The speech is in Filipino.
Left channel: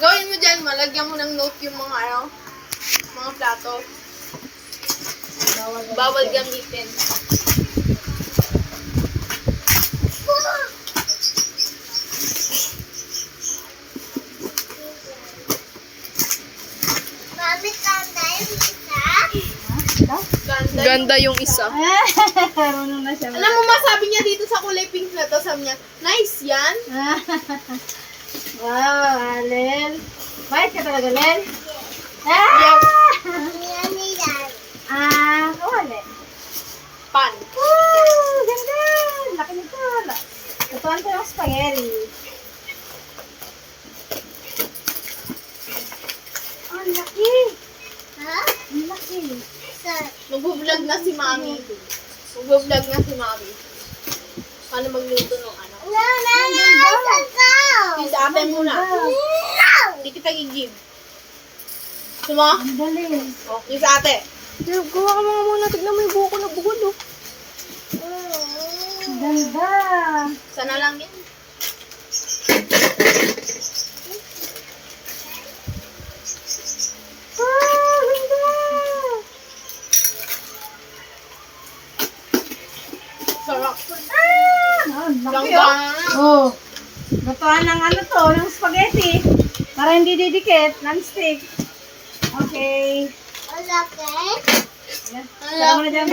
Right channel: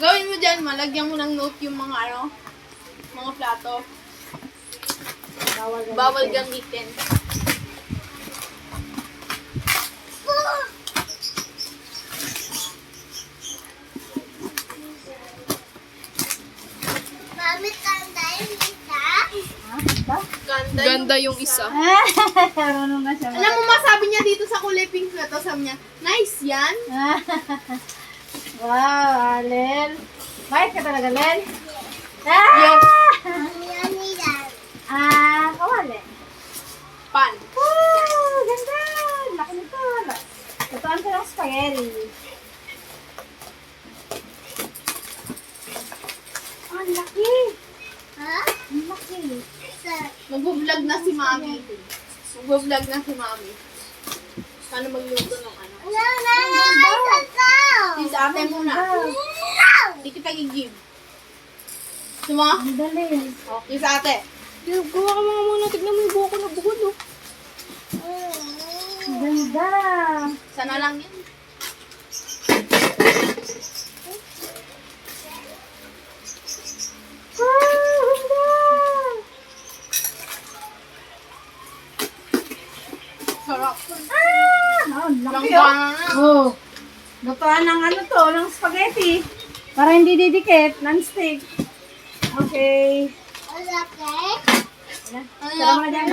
Gawin mo dyan, malagyan mo ng note yung mga mga plato. Bawal gamitin. Mami, tanda yung isa. Ganda yung isa. Marunong na siya. Alam mo, masabi niya dito sa kulay pink na to, sabi niya, nice yan. Wow, Alen. Bait ka talaga, Len? Yes. Yan yan. Kawali. Pan. Woo! Ganda! Laki nito. Tutuan ko yung spaghetti. Ang laki! Ha? Ang laki. Sir. Magbo-vlog na si Mami. Magbo-vlog na si Mami. Paano magluto ng ano? No, no, no, I can go. Please, ate muna. No. Hindi kita i-give. Suma? Ang dali. Oh, please, ate. Gawa ka mga muna. Tignan mo yung buko na bukod, oh. Ang ganda. Sana lang yan. Wow, ganda! Sarap. Ang laki, Langga oh. na. Oh. Lutuan ng ano to, ng spaghetti. Para hindi didikit, non-stick. Okay. Okay. Sarap na dyan.